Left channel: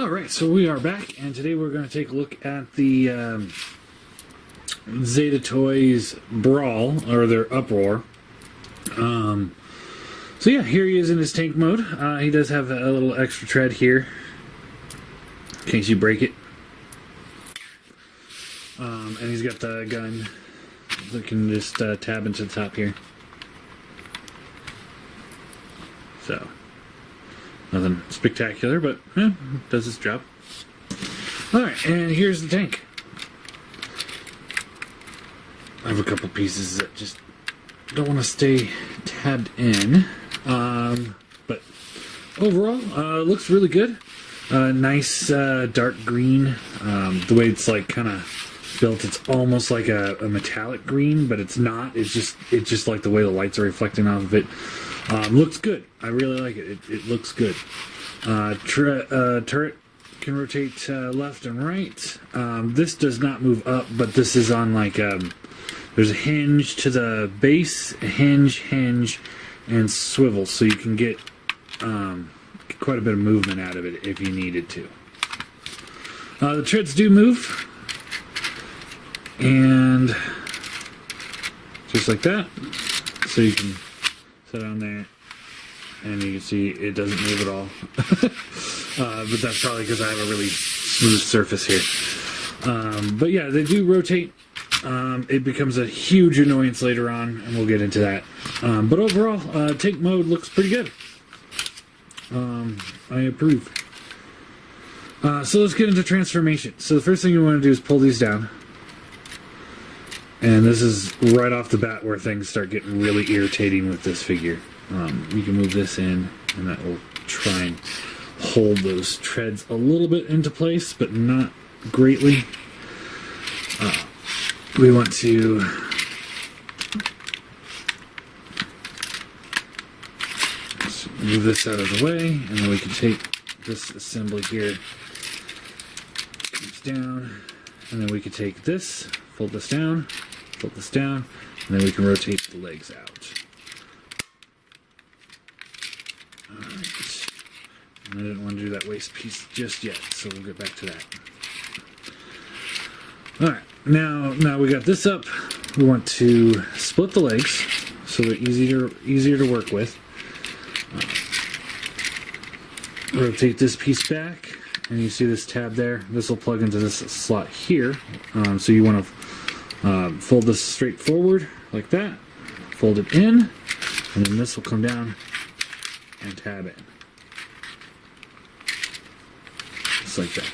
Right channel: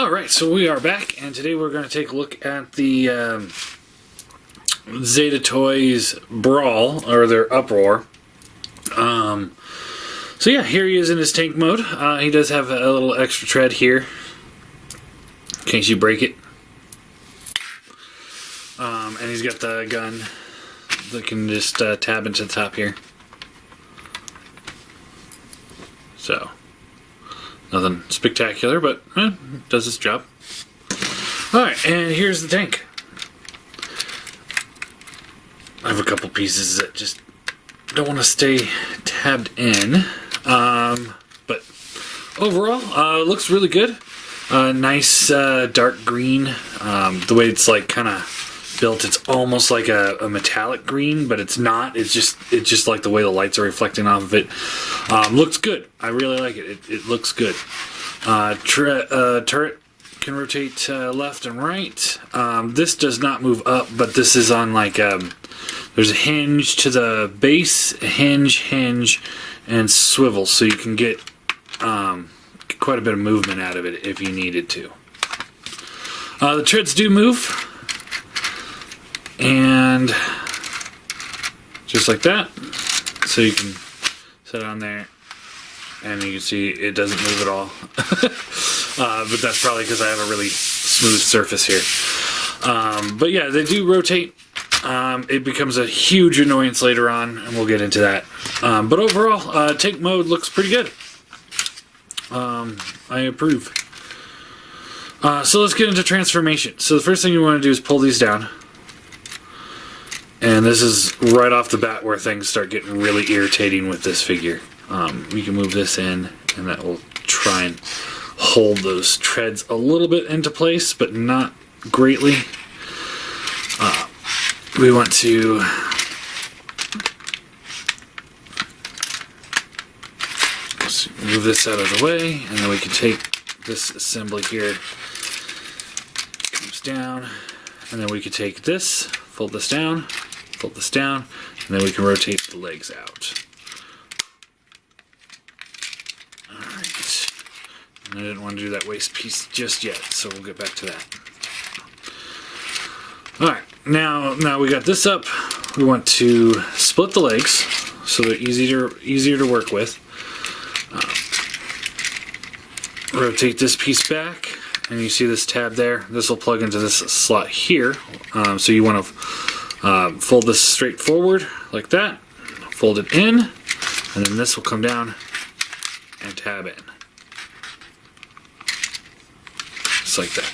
Alright, so we are back, and today we're going to take a look at the Zeta Toys Brawl, or their Uproar. So yeah, here he is in his tank mode. He does have a little extra tread here, in case you break it. And he's got the gun that can just tab into the top here. So, nothing spectacular, but does its job. Alright, and here's the tank. I have a couple pieces that just don't want to stay tabbed in. But overall, it looks really good. Nice dark green. The way it's like kind of built, it's almost like a metallic green, but it's not. It's just like the way the lights are reflecting off of it. Looks good. I really like it. It looks good. Turret can rotate left and right. This does not move up, but this is on like there's a hinge to the base, a hinge, and swivel, so you can get quite a bit of movement out of it if you needed to. The treads do move, and just like that, so you can set on there, and you can see it doesn't move at all. But that's probably because I have a really smooth surface here. But yeah, they do rotate. It becomes a huge annoyance later on, and we'll get into that. But overall, tank mode looks pretty good. I approve. So let's get into transformation. So the first thing you want to do is pull these down. And this is right off the bat where things start getting really irritating with this figure. You can move this in, and that will try and hold those treads a little bit into place, but not greatly. We want to move this out of the way, and then we can take this assembly here, comes down, and then we can take this, fold this down, and then we can rotate the legs out. Alright, and I didn't want to do that waist piece just yet, so we'll get back to that. Alright, now we got this up. We want to split the legs so they're easier to work with. Rotate this piece back, and you see this tab there. This will plug into this slot here. So you want to fold this straight forward like that, fold it in, and then this will come down and tab in. Just like that.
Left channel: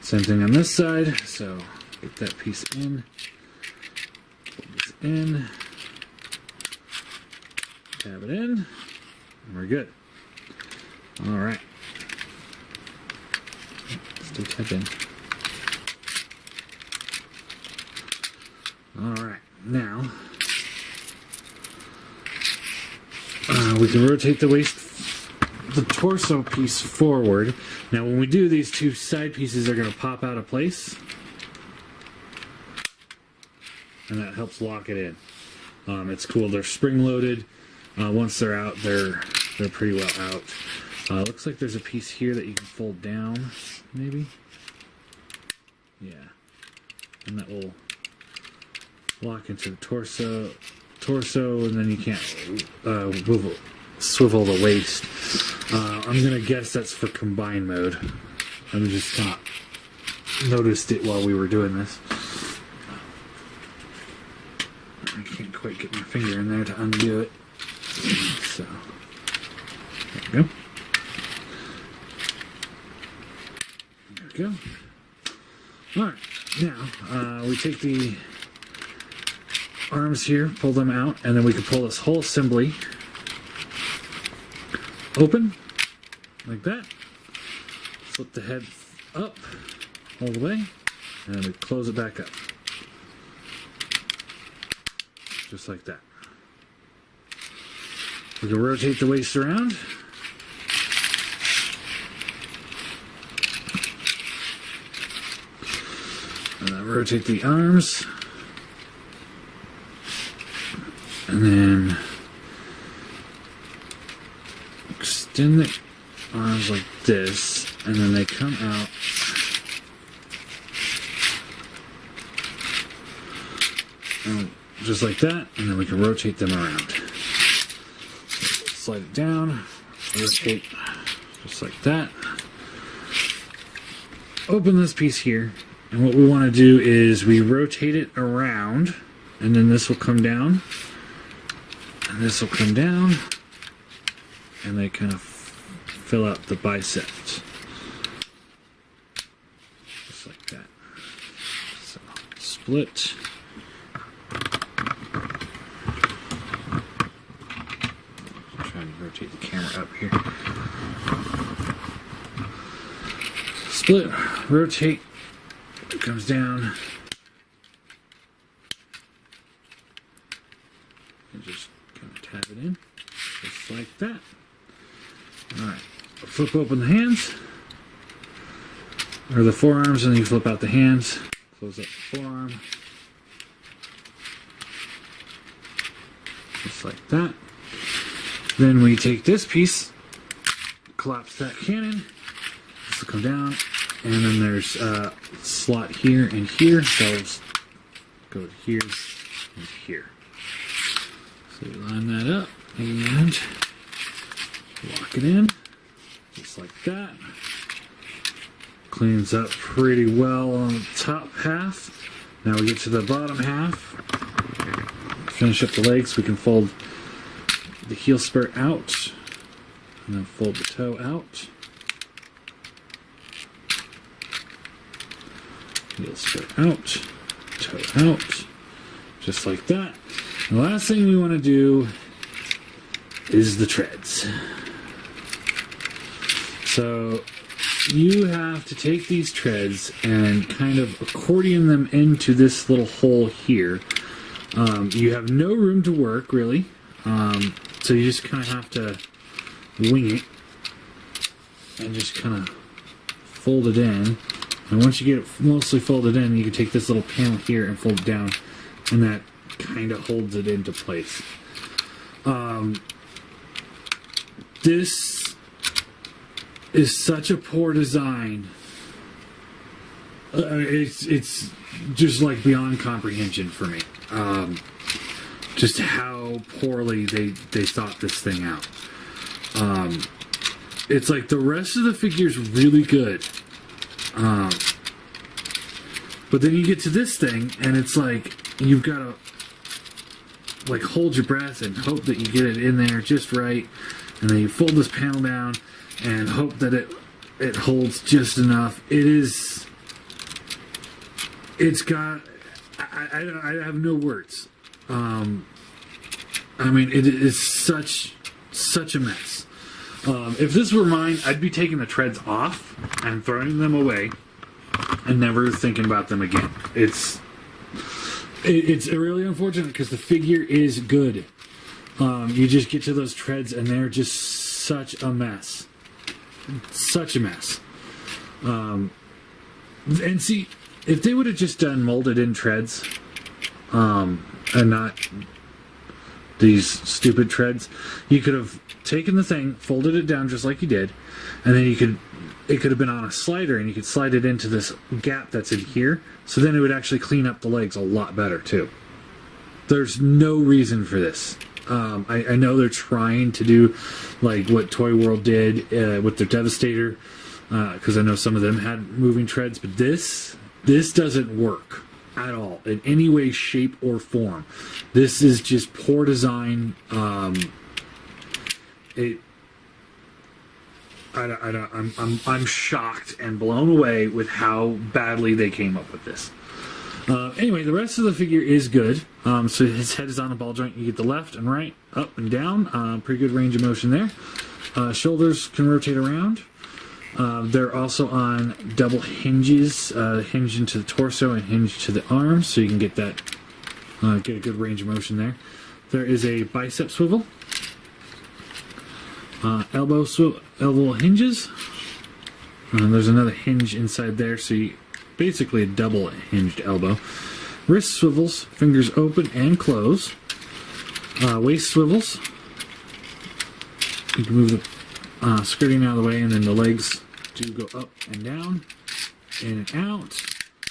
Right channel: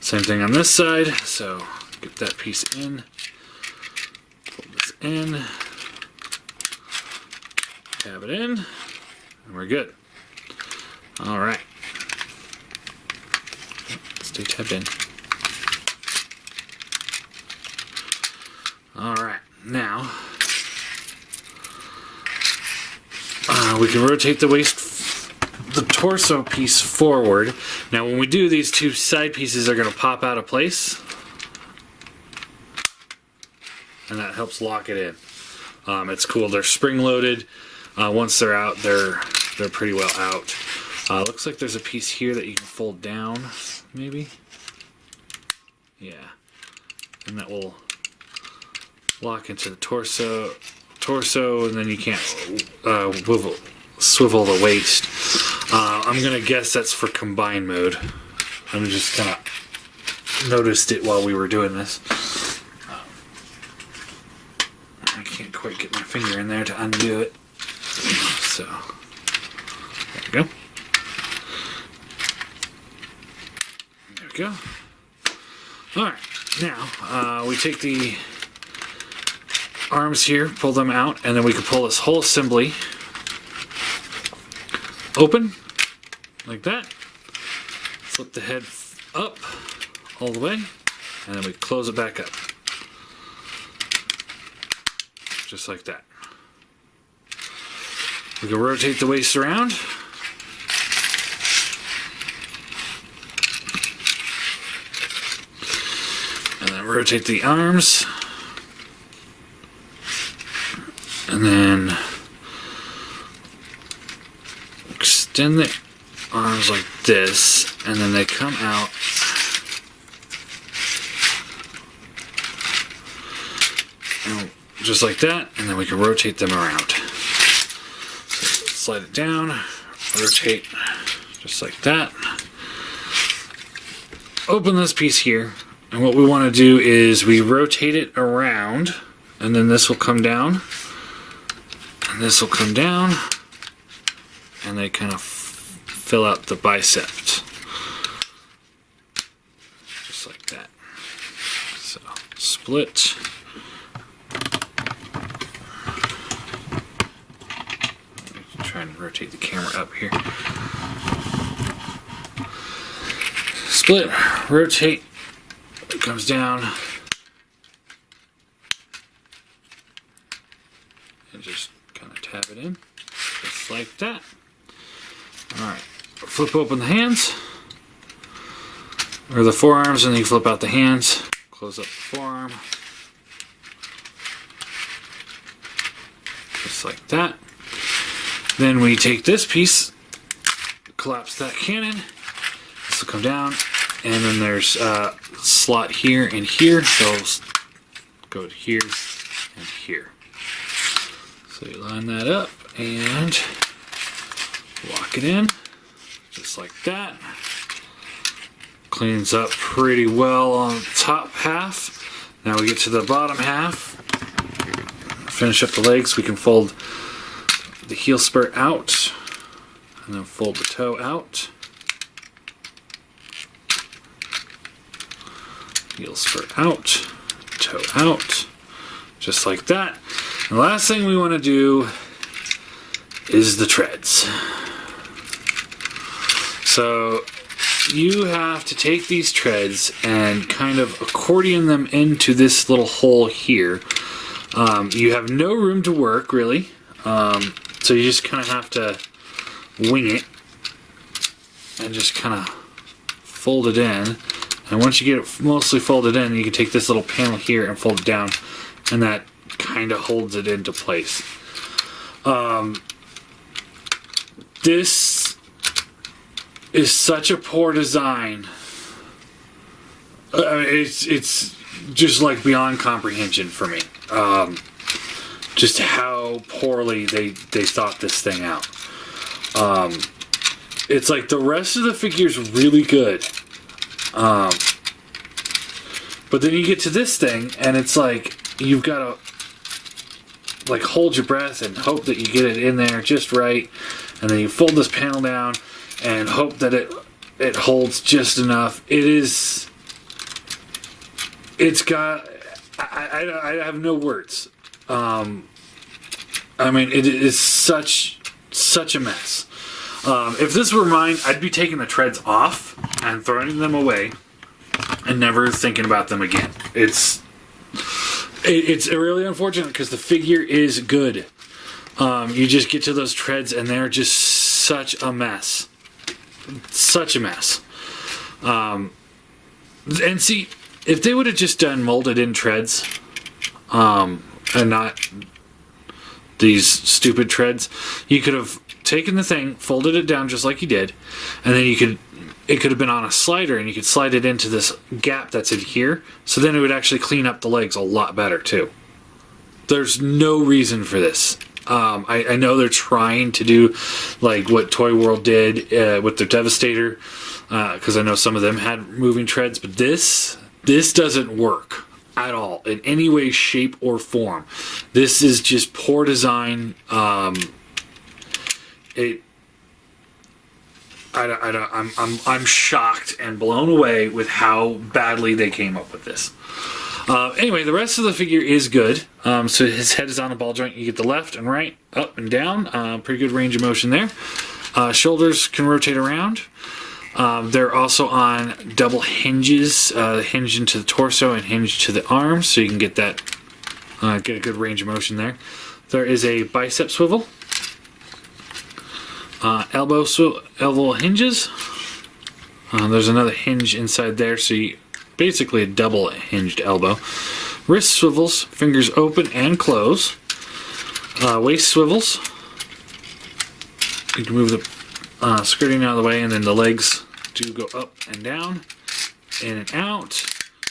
Same thing on this side, so get that piece in, fold this in, tab it in, and we're good. Alright. Stay tabbed in. Alright, now we can rotate the the torso piece forward. Now when we do, these two side pieces are going to pop out of place, and that helps lock it in. It's cool. They're spring loaded. Once they're out, they're pretty well out. Looks like there's a piece here that you can fold down, maybe. Yeah, and that will lock into the torso, and then you can't swivel the waist. I'm gonna guess that's for combine mode. I just kind of noticed it while we were doing this. I can't quite get my finger in there to undo it. So there we go. There we go. Alright, now we take the arms here, pull them out, and then we can pull this whole assembly open like that. Flip the head up all the way, and then we close it back up. Just like that. We can rotate the waist around. And then rotate the arms. And then extend the arms like this, and then they come out. And just like that, and then we can rotate them around. So slide it down, rotate just like that. Open this piece here, and what we want to do is we rotate it around, and then this will come down, and this will come down, and they kind of fill out the bicep. Just like that. So, split. Trying to rotate the camera up here. Split, rotate, it comes down, and just kind of tap it in, just like that. Alright, flip open the hands, or the forearms, and then you flip out the hands, close up the forearm, just like that. Then we take this piece, collapse that cannon, this will come down, and then there's a slot here and here, so go to here and here. So you line that up and lock it in, just like that. Cleans up pretty well on the top half. Now we get to the bottom half. Finish up the legs. We can fold the heel spur out, and then fold the toe out. Heel spur out, toe out, just like that. And the last thing we want to do is the treads. So you have to take these treads and kind of accordion them into this little hole here. You have no room to work, really. So you just kind of have to wing it and just kind of fold it in. And once you get it mostly folded in, you can take this little panel here and fold it down, and that kind of holds it into place. This is such a poor design. It's just like beyond comprehension for me. Just how poorly they thought this thing out. It's like the rest of the figure's really good. But then you get to this thing, and it's like you've got to like hold your breath and hope that you get it in there just right, and then you fold this panel down and hope that it holds just enough. It's got I have no words. I mean, it is such a mess. If this were mine, I'd be taking the treads off and throwing them away and never thinking about them again. It's really unfortunate because the figure is good. You just get to those treads and they're just such a mess. Such a mess. And see, if they would have just done molded in treads, and not these stupid treads, you could have taken the thing, folded it down just like you did, and then it could have been on a slider, and you could slide it into this gap that's in here, so then it would actually clean up the legs a lot better too. There's no reason for this. I know they're trying to do like what Toy World did with their Devastator, because I know some of them had moving treads, but this doesn't work at all in any way, shape, or form. This is just poor design. I'm shocked and blown away with how badly they came up with this. Anyway, the rest of the figure is good. So his head is on a ball joint. You get the left and right, up and down. Pretty good range of motion there. Shoulders can rotate around. They're also on double hinges, hinge into the torso and hinge to the arms, so you can get that, get a good range of motion there. There is a bicep swivel, elbow hinges. There's another hinge inside there, so you basically a double hinged elbow. Wrist swivels, fingers open and close. Waist swivels. You can move the skirting out of the way, and then the legs do go up and down, in and out.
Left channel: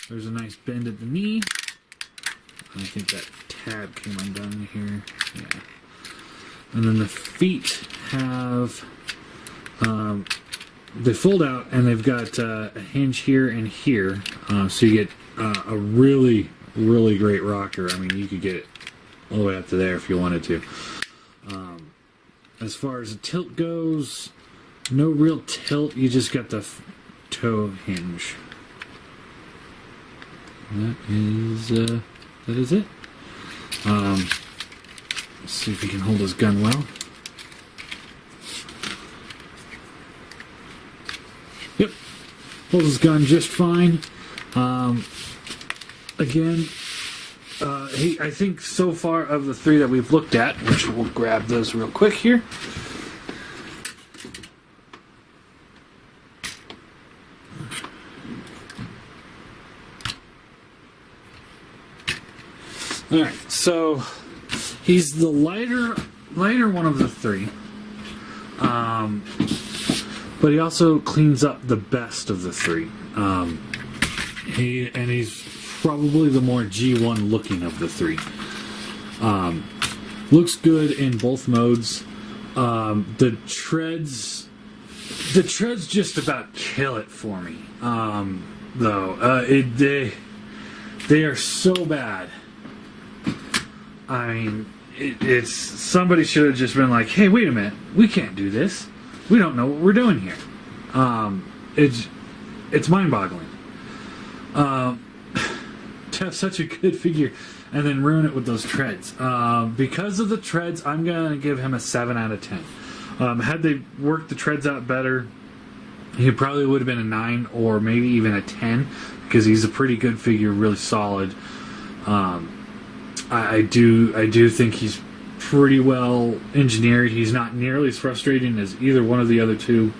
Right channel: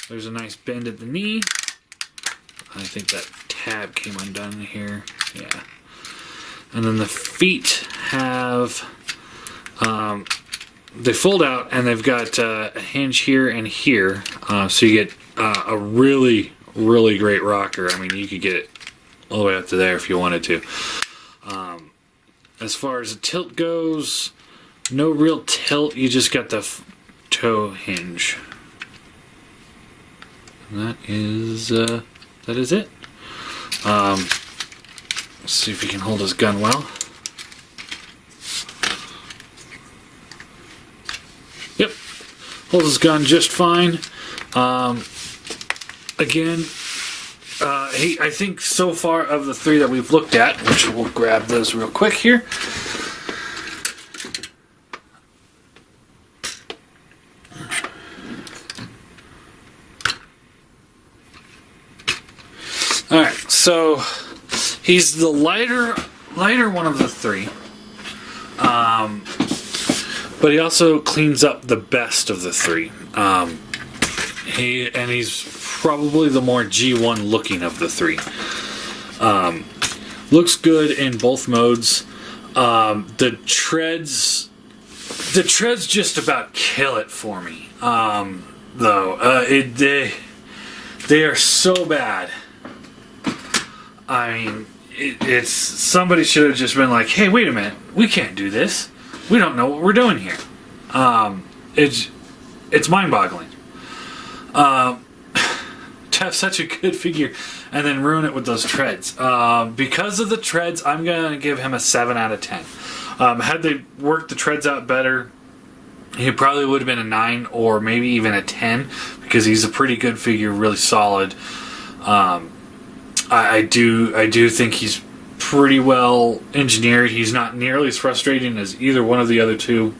There's a nice bend at the knee. I think that tab came undone here. Yeah. And then the feet have, they fold out and they've got a hinge here and here. So you get a really, really great rocker. I mean, you could get it all the way up to there if you wanted to. As far as the tilt goes, no real tilt. You just got the toe hinge. And that is it. Let's see if he can hold his gun well. Yep, holds his gun just fine. Again, I think so far of the three that we've looked at, which we'll grab those real quick here. All right, so he's the lighter one of the three, but he also cleans up the best of the three. He's probably the more G1 looking of the three. Looks good in both modes. The treads just about kill it for me. Though they are so bad. I mean, it's somebody should have just been like, "Hey, wait a minute, we can't do this. We don't know what we're doing here." It's mind-boggling. To have such a good figure and then ruin it with those treads. Because of the treads, I'm gonna give him a 7 out of 10. Had they worked the treads out better, he probably would have been a 9 or maybe even a 10 because he's a pretty good figure, really solid. I do think he's pretty well engineered. He's not nearly as frustrating as either one of the other two.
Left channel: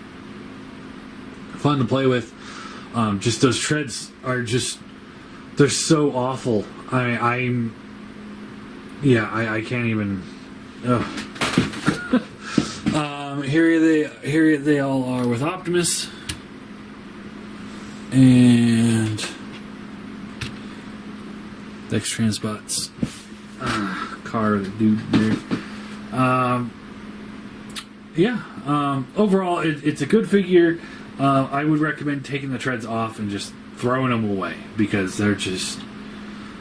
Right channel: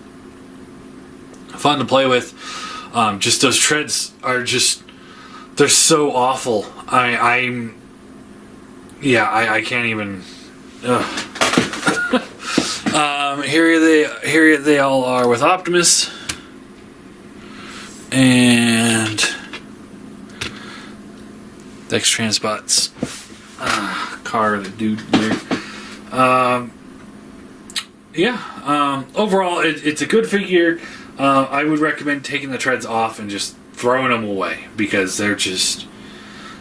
Fun to play with. Just those treads are just, they're so awful. I can't even. Here they all are with Optimus and Dex Transbot's car, the dude there. Overall, it's a good figure. I would recommend taking the treads off and just throwing them away because they're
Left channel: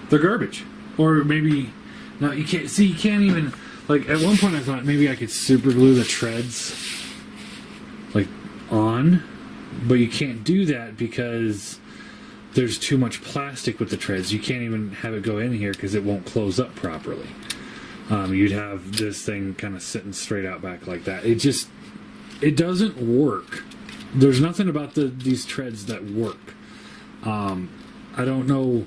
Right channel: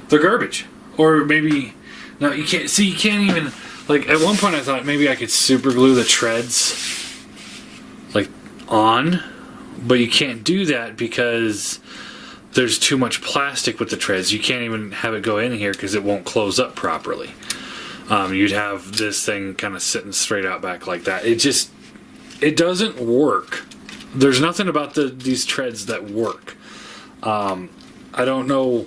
garbage. Or maybe, no, you can't even, like, at one point I thought maybe I could super glue the treads, like, on, but you can't do that because there's too much plastic with the treads. You can't even have it go in here because it won't close up properly. You'd have this thing kind of sitting straight out back like that. It doesn't work. There's nothing about these treads that work. I don't know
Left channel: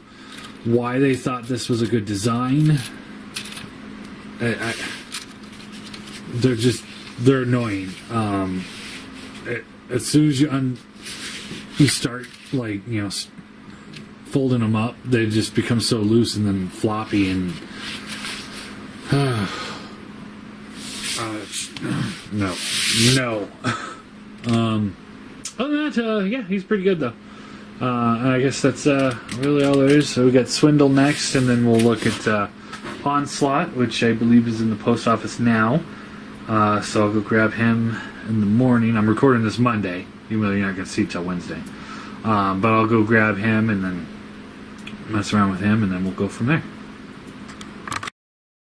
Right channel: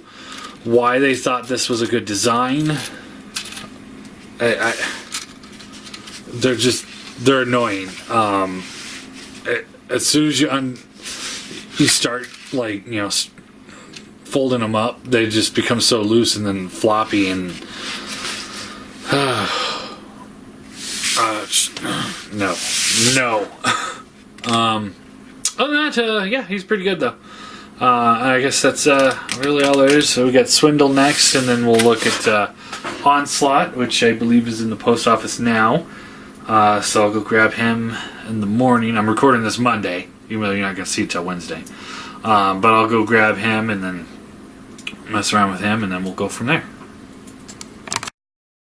why they thought this was a good design. They're annoying. As soon as you start, like, you know, folding them up, they just become so loose and then floppy and no. Other than that, he's pretty good though. I guess that's really all there is. So we got Swindle next, and then we'll look at Onslaught, which I believe is in the post office now. So I'll go grab him in the morning. I'm recording this Monday, even though you're not going to see it till Wednesday. But I'll go grab him and then mess around with him, and then we'll go from there.